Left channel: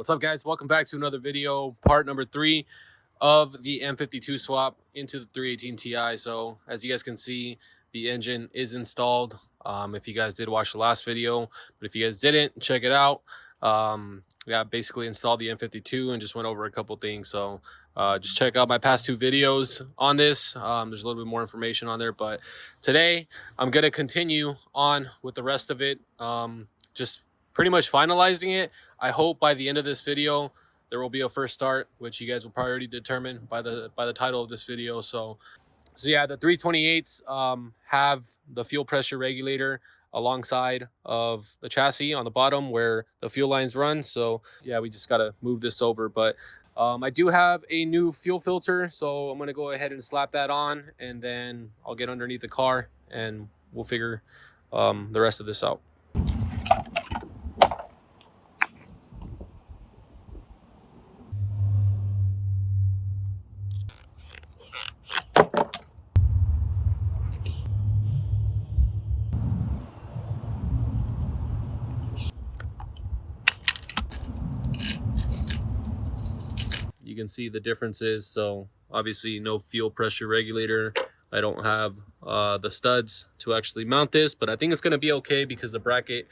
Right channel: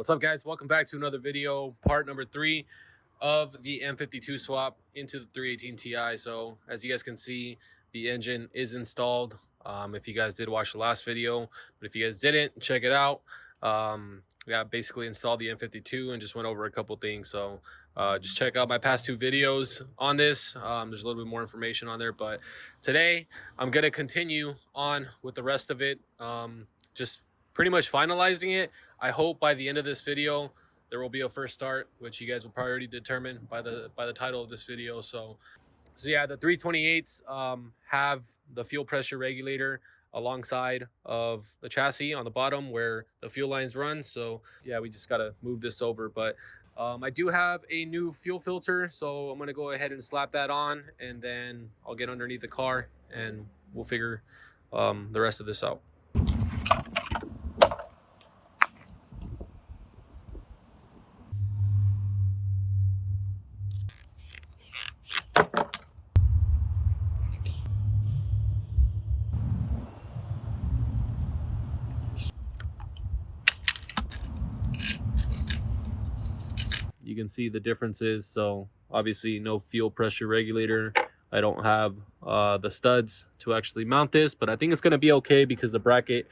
What's up, guys? Welcome back to another video, part number 3 of the M52 swap into the 318 Ti. So as you guys can see, the engine is installed. If you guys did watch the last video, but if you guys didn't, check it out. Yeah, basically installed the M52 and just went over a couple things. So just check out my past 2 videos on this. There's a little bit more information on there, but today I'm gonna continue on with the rest of it. Just pretty much finalizing it. I hope by the end of this video there will be a first start, which you guys will probably already determine by the title of this video. So yeah, the 328s have the fuel pressure regulator alongside of the chassis on the bottom where the fuel lines run. So yeah, we just got to move this over. But I do have a new fuel filter, so I'm going to go ahead and slap that on, and then I'll get underneath the car and we'll figure the rest of this out. You can see the differences. So obviously no fuel pressure regulator. I don't have the studs to actually mount this, but I think it's going to be okay because the bracket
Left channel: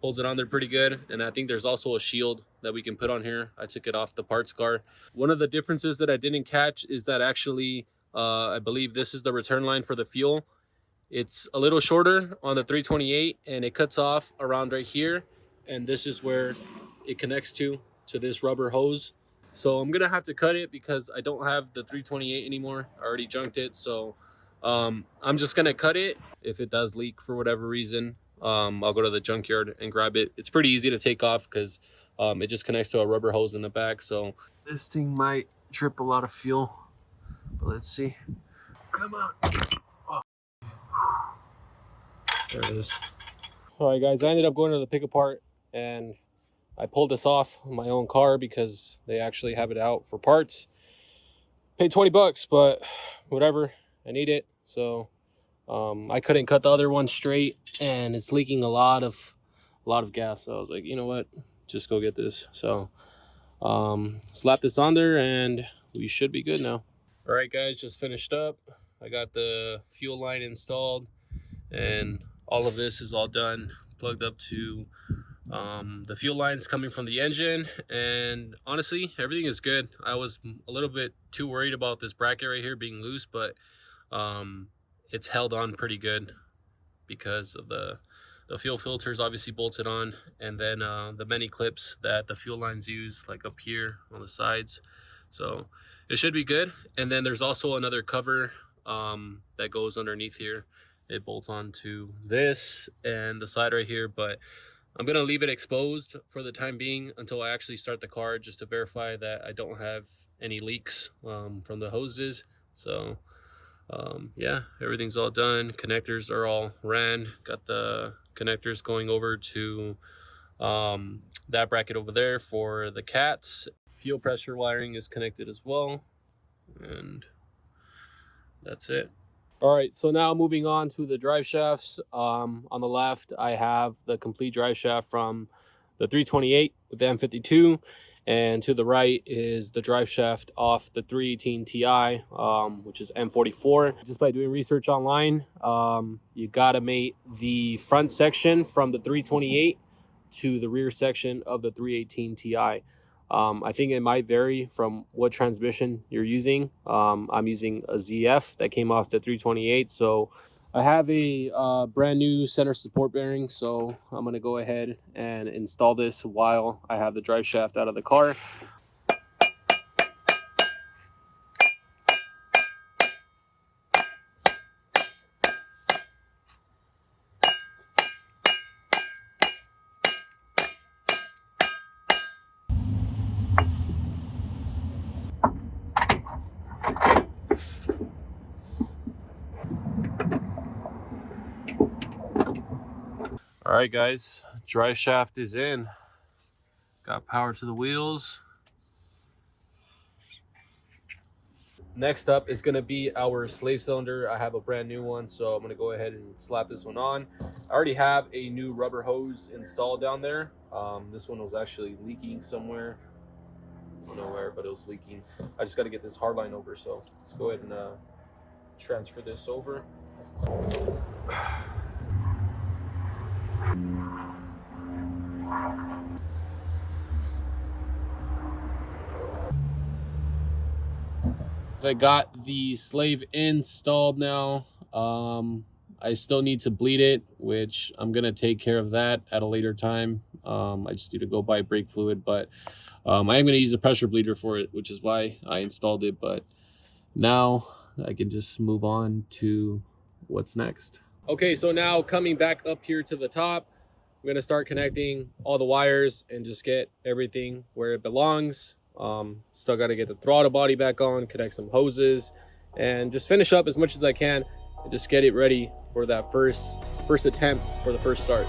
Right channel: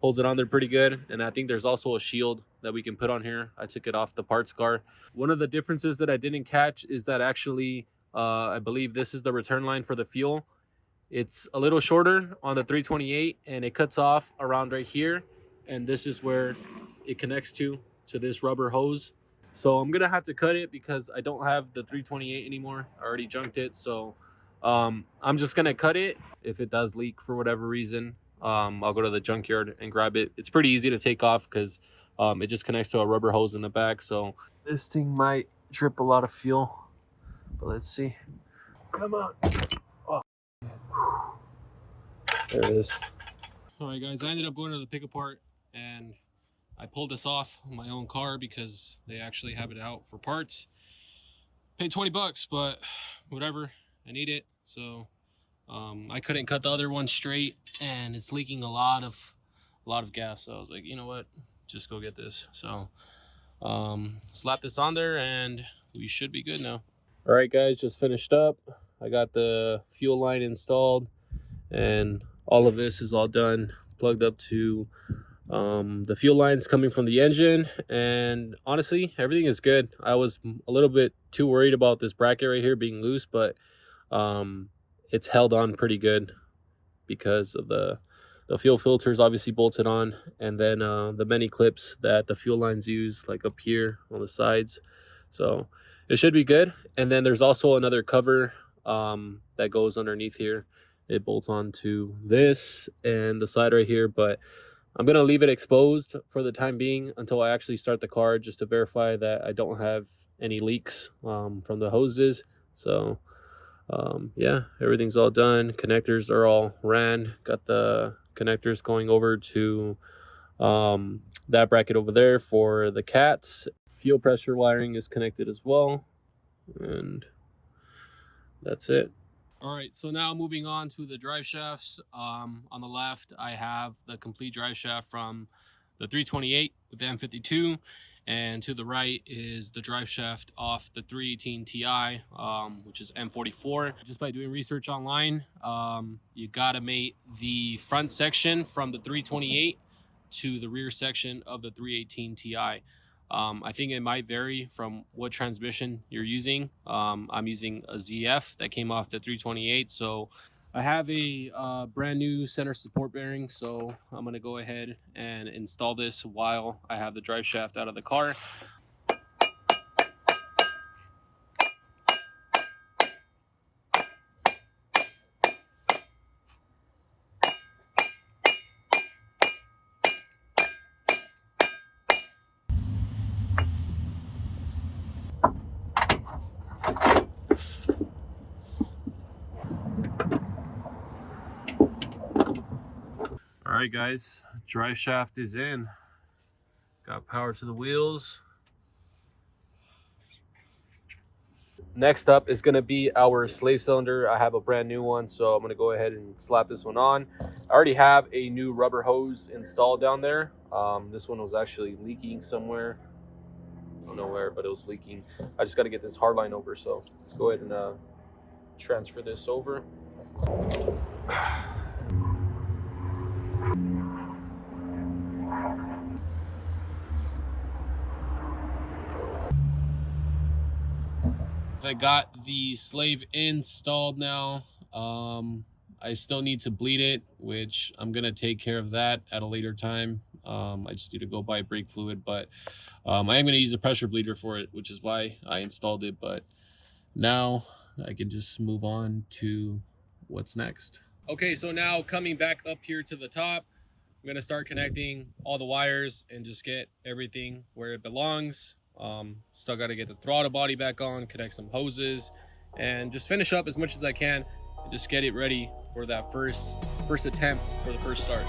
holds it on there pretty good. And I think there's also a shield that we can put on here. I took it off the parts car. One of the differences that I didn't catch is that actually I believe this is the return line for the fuel. It's a little shorter on the 328 and it cuts off around right here, and this is where it connects to this rubber hose. So I'm gonna have to cut it because I don't have the 328 anymore. I already junked it. So I'm just gonna cut it. If it does leak for whatever reason, I'll go to the junkyard and grab it. It's pretty easy to take off because it just connects to a rubber hose in the back. So this thing might drip a lot of fuel, but let's see. Come on. Oh. There it is. All right, guys, I ended up going to the pick apart and I pulled this off my own car because they actually have it out for parts. Paid 20 bucks, but whatever, I need it. So I couldn't cut the other one straight and it's leaking a lot of gas. So I was like, you know what, just go get this. So slap this on there and we should be good now. All right, guys, just finished up. I got the fuel line installed and all of this is all done, plugged up to the fuel lines coming from the engine, and honestly everything is good. I was a little bit too worried about this bracket right here being loose, but it's held on pretty good because of the fuel filters obviously bolted on, and then the many clips that the fuel lines use like up here on the sides. So it should be good. And then there's also another cover that goes underneath here. It bolts onto this and the side right here, but I'm going to leave it exposed for the time being until I actually start the car, just to verify that I don't have any leaks from the hoses. So yeah, everything's all done. Connectors are all ran. Got the connectors going over to that bracket over there for the cats. Fuel pressure wiring is connected as well. And that's it. All right, so now moving on to the drive shafts. On the left, I have the complete drive shaft from the 328 with the M52, and to the right is the drive shaft off the 318 Ti, which is M44. Just by doing research online, you gotta mate the front section from the 328 to the rear section of the 318 Ti. I think it might vary from what transmission you're using. I'm using a ZF that came off the 328. So I have a brand new center support bearing. So I'm going to go ahead and install this while I have the drive shaft out of the car. All right, guys, drive shaft is in. Got power to the wheels. Next up is going to be our slave cylinder. I have a brand new one, so I'm going to go ahead and slap this one on. I already have a new rubber hose installed down there. This one was actually leaking somewhere don't know where, but it was leaking. I just got to get this hard line over, so let's go ahead and transfer this over. I got the slave installed now. I still need to bleed it, which I'm gonna take care of that at a later time. I just need to go buy brake fluid, but I am gonna use a pressure bleeder for it, which is why I installed it. But now I can just move on to what's next. Okay, so now coming back up here to the top, I'm gonna start connecting all the wires and just get everything where it belongs. Still got to get the throttle body back on, connect some hoses, and just finish up as much as I can and just get it ready for that first attempt for the first start.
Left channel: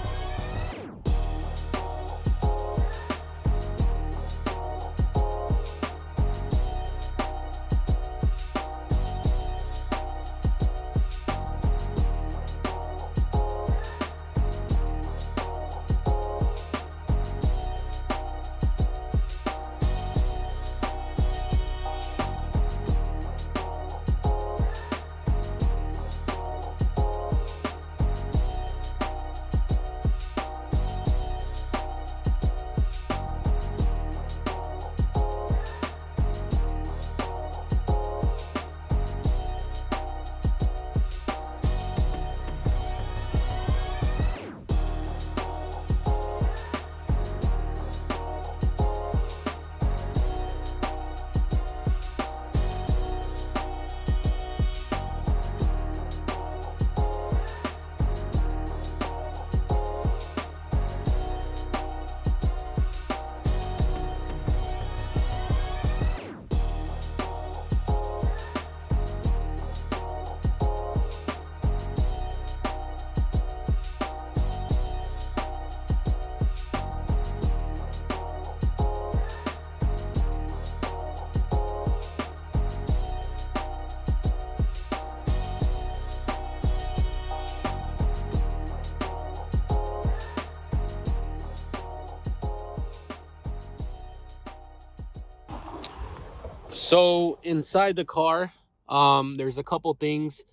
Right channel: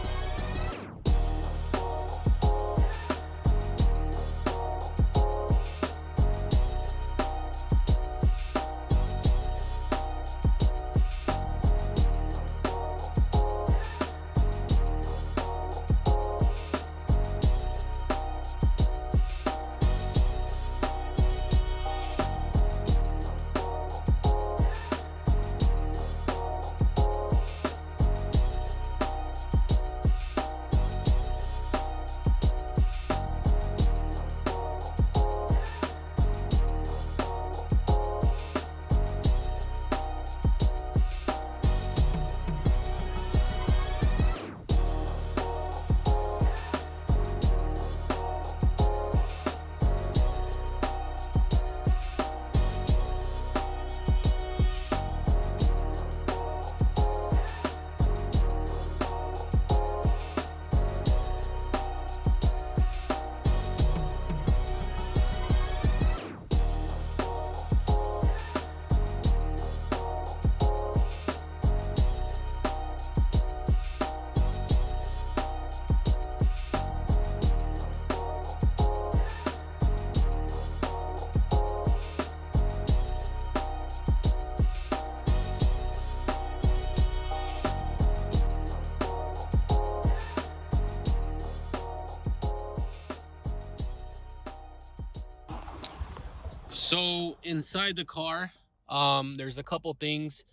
So inside the car, there's a couple things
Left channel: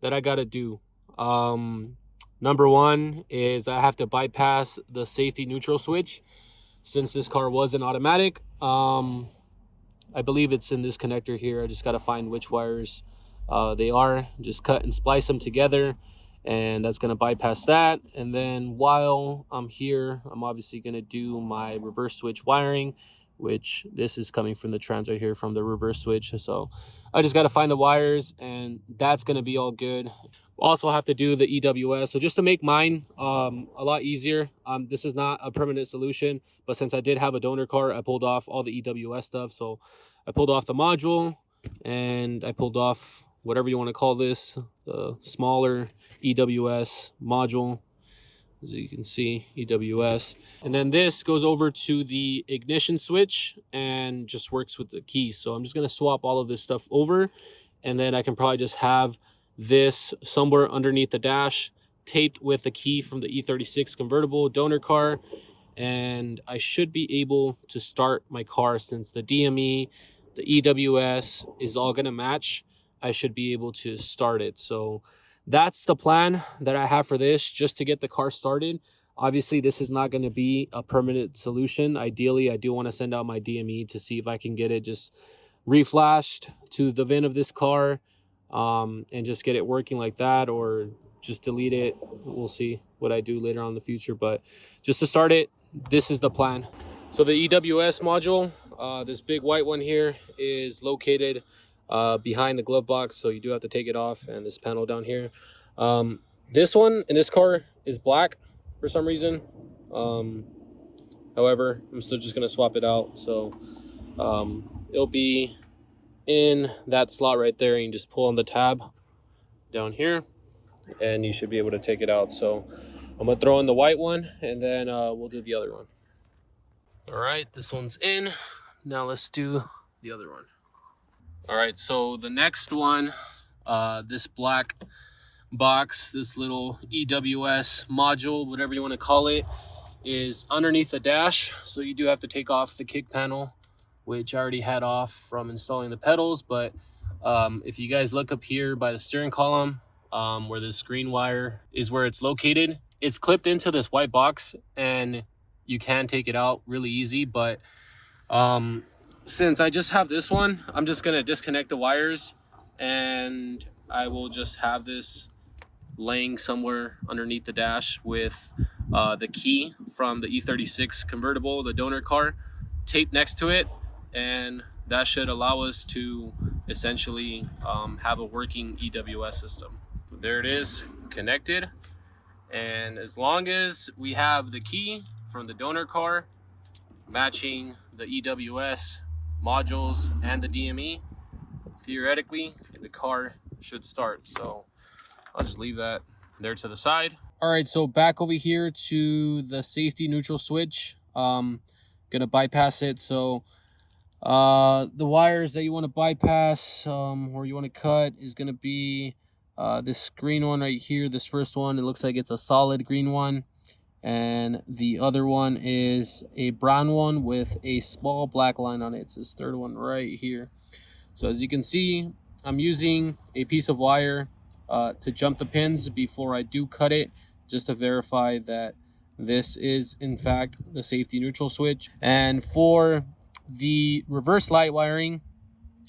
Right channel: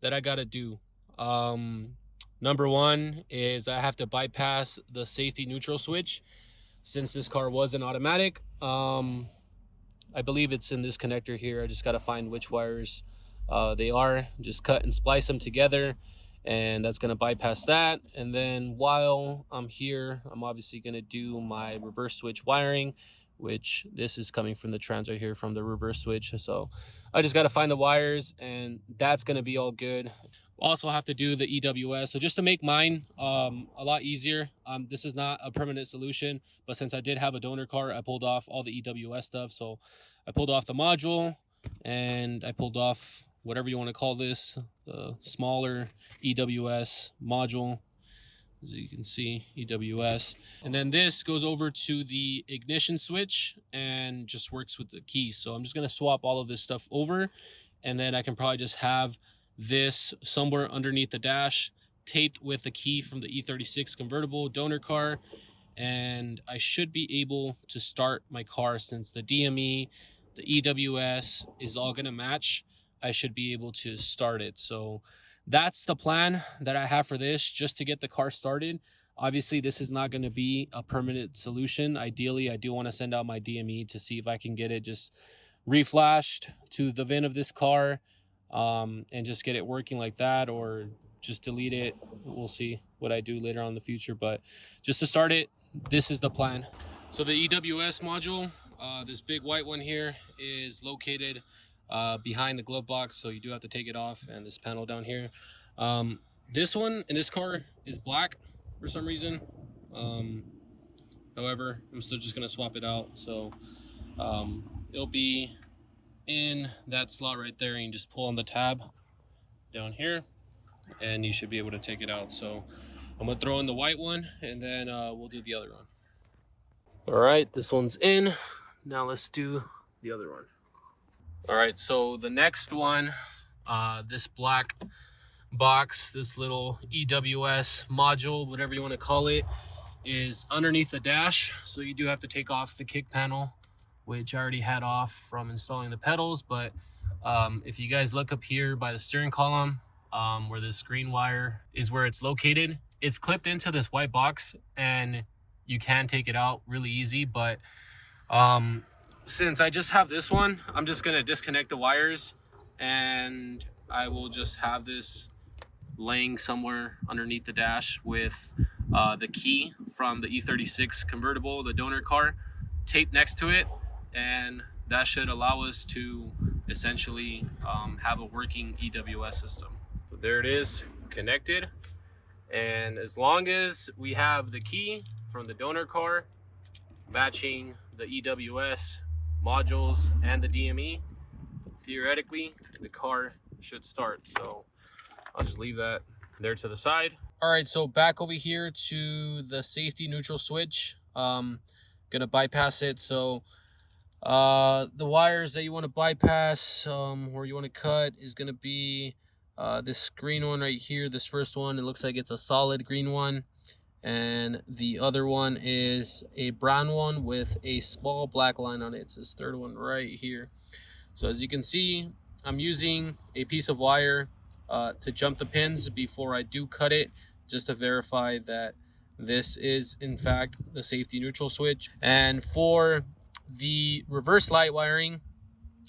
that I gotta do. Number one is I have to bypass the safety neutral switch since this car was an automatic. I believe it's in this connector here. I just gotta find which wires they are, just cut and splice them together, and that's gonna bypass that. And then while I'm here, I'm obviously gonna do my reverse switch wiring, which this is coming from the trans right here from the reverse switch. So I just got to find the wires, and that's going to be all good. Also have to do the EWS. So just to make mine a lot easier, this is not a permanent solution, but since I did have a donor car, I pulled off all the EWS stuff. So I pulled off the module, and I pulled off whatever you want to call this, the smaller EWS module. As you can see, EWS. And then this goes over to the ignition switch and just works with the keys. So I'm just going to swap all of this stuff over, and then I can probably just have this somewhere underneath the dash taped with the key from the E36 convertible donor car, and I should be able to start my car. Since the DME, the EWS is all going to match, I should be able to start it. So that's the plan that I have for this, just to get the car started. Obviously, this is not going to be a permanent solution. Ideally, I do want to send out my DME to see if I can get it just reflashed to the VIN of this car, and just get it working like that, or just delete it. We'll see what I do later on in the future, but just to start it, this is the plan. So the EWS module, this big white one here, is located behind the glove box, so you do have to take it off, and this panel down here. This one in this car is black for some reason. However, I'm still just gonna swap it out. So it'll be in that slot right there, and you just pull on the tab down here, and you should be able to take it out. So I'm gonna throw in the white one, and then we'll do the other one. All right, this one's in. Now let's do the other one. All right, so the next one, this black box, this little EWS module, whatever you want to call it, is underneath the dash. So you do have to take off the kick panel which I already had off from installing the pedals. But if you guys look up here by the steering column, where this green wire is where it's located, it's clipped into this white box, and you can take it out really easy. But since I just have this one, I'm just gonna disconnect the wires, and I will just have this laying somewhere underneath the dash with the key from the E36 convertible, the donor car, taped next to it, and that should allow us to essentially have a working EWS system. So there it is, connected. And as long as we have the key from the donor car matching the EWS modules and the DME, theoretically the car should start. So I'll just leave that there to the side. All right, so back over here to the safety neutral switch. Gonna bypass it. So the wires that you want to bypass or you want to cut is gonna be this green one right here. This first one, it looks like it's a solid green one, and the other one is a brown one with a small black line on it. It's this third one right here. So as you can see, I'm using a piece of wire to jump the pins before I do cut it, just to verify that this is in fact the safety neutral switch. And for the reverse light wiring,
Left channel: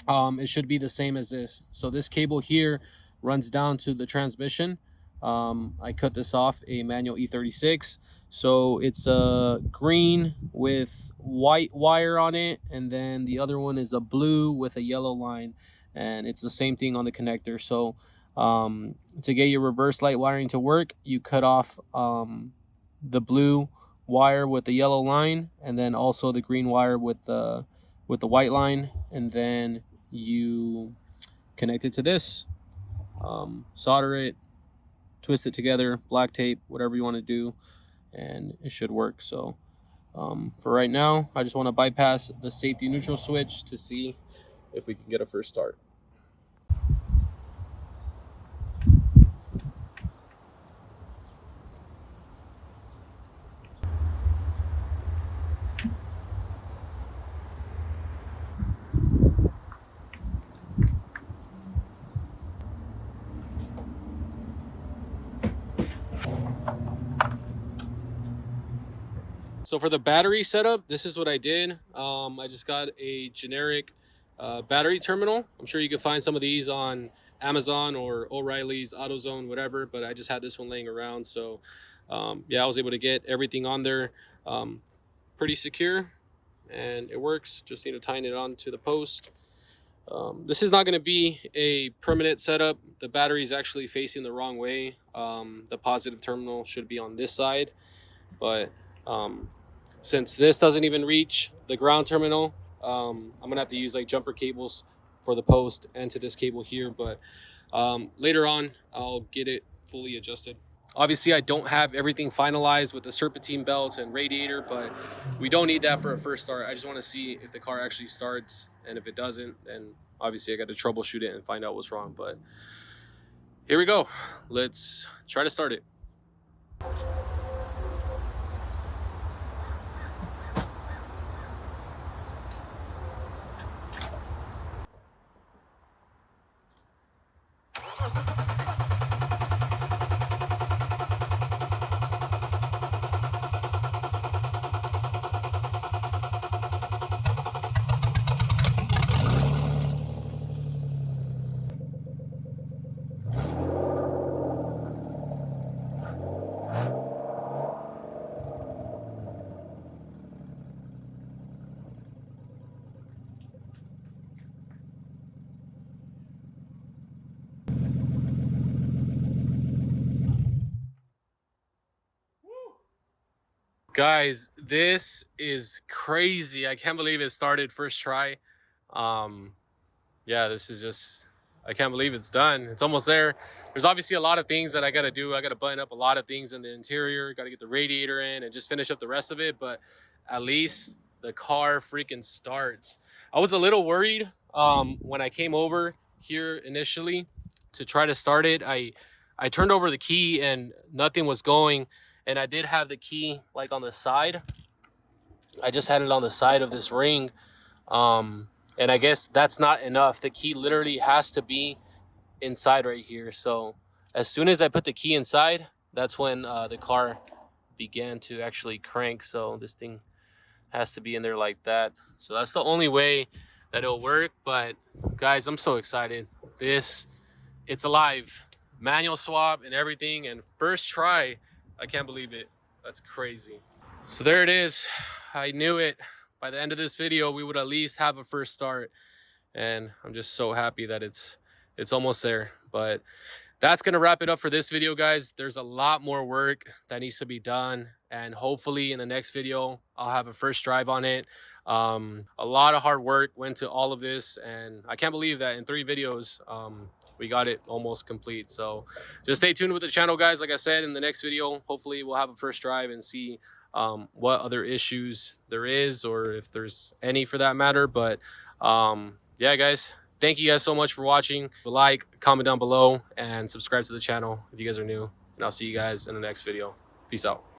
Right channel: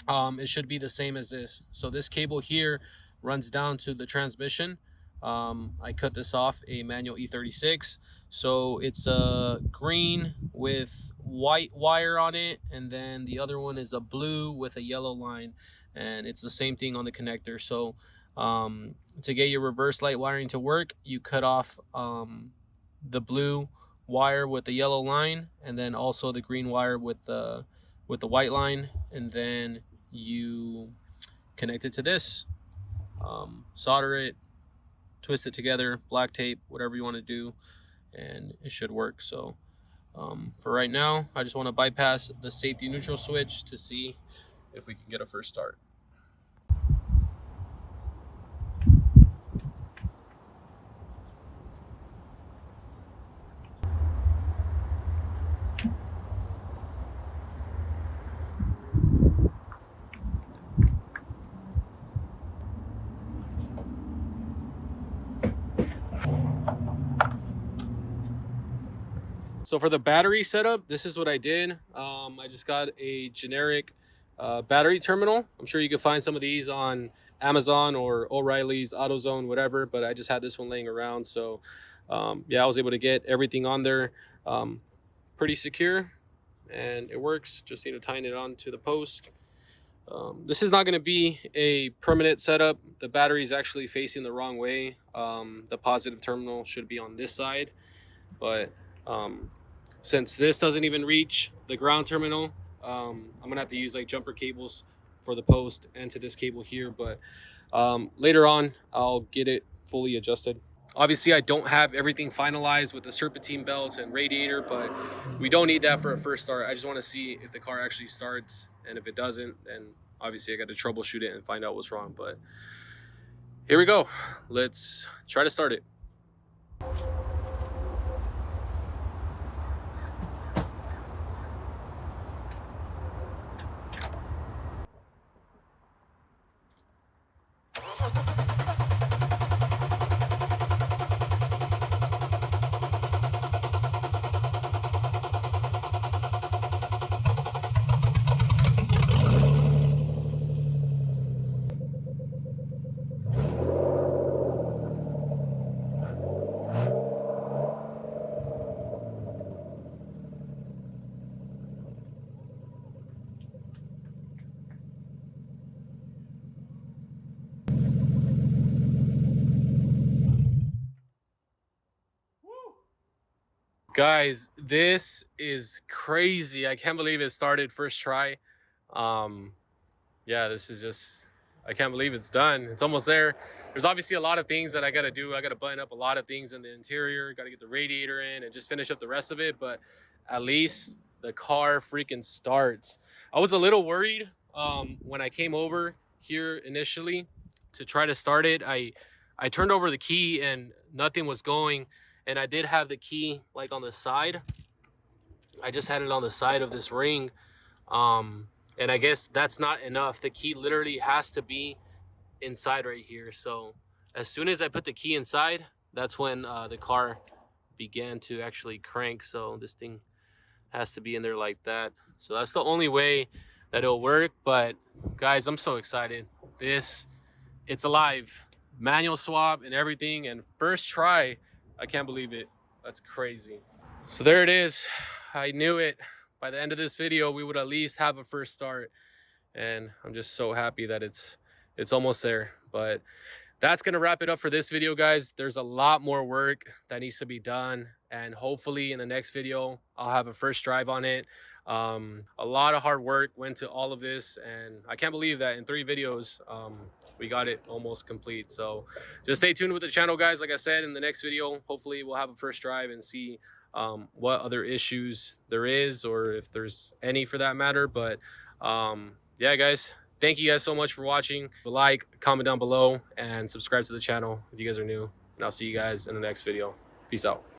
it should be the same as this. So this cable here runs down to the transmission. I cut this off a manual E36, so it's a green with white wire on it, and then the other one is a blue with a yellow line, and it's the same thing on the connector. So to get your reverse light wiring to work, you cut off the blue wire with the yellow line, and then also the green wire with the white line, and then you connect it to this, solder it, twist it together, black tape, whatever you want to do, and it should work. So for right now, I just want to bypass the safety neutral switch to see if we can get a first start. So for the battery setup, this is what I did. I just got a generic battery terminal. I'm sure you can find some of these on Amazon or O'Reilly's, AutoZone, whatever, but I just had this one laying around. So yeah, I was able to get everything on there pretty secure, and it works. Just need to tighten it onto the post. This is not going to be a permanent setup. The battery is actually facing the wrong way. The positive terminal should be on this side, but since this doesn't even reach the ground terminal, I'm gonna have to use like jumper cables for the post and to this cable here. But later on, I'll get it fully adjusted. Obviously, I don't have everything finalized with the serpentine belts and radiator, but we don't need that for a first start. I just want to see if the car actually starts, and if it doesn't, then obviously I got to troubleshoot it and find out what's wrong. But here we go. Let's try to start it. Guys, this is crazy. I can't believe it started first try. Yeah, this is just, I can't believe it's done. It's almost there. There's obviously a lot of things that I got to do. I got to button up a lot of things in the interior, got to get the radiator in and just finish up the rest of it. But at least the car freaking starts. I was a little worried when I came over here initially to try to start it. I turned over the key and nothing was going. And I did have the key like on the side. I just had it on the side of this ring. And I guess that's not enough. The key literally has to be inside right here. So as soon as I put the key inside, that's when the car began to actually crank. So this thing has to be in there like that. So that's the only way that it'll work. But guys, I'm so excited. It's alive. Manual swap and everything, and first try. I can't believe it. That's crazy. So there it is. I knew it. By the end of this video, we would at least have a first start, and I'm just so happy that it's almost there. But that's gonna wrap it up for this video, guys. There's a lot more work that needs to be done, and hopefully in the next video I'll have a first drive on it. A lot of hard work went to all of this, and I can't believe that in 3 videos we got it almost complete. So just stay tuned with the channel, guys. Like I said, in the next video, hopefully we'll have a first drive and see what other issues there is, or if there's any for that matter. But yeah, guys, thank you guys so much for watching. Like, comment down below, and subscribe to the channel if you guys are new. And I'll see you guys in the next video. Peace out.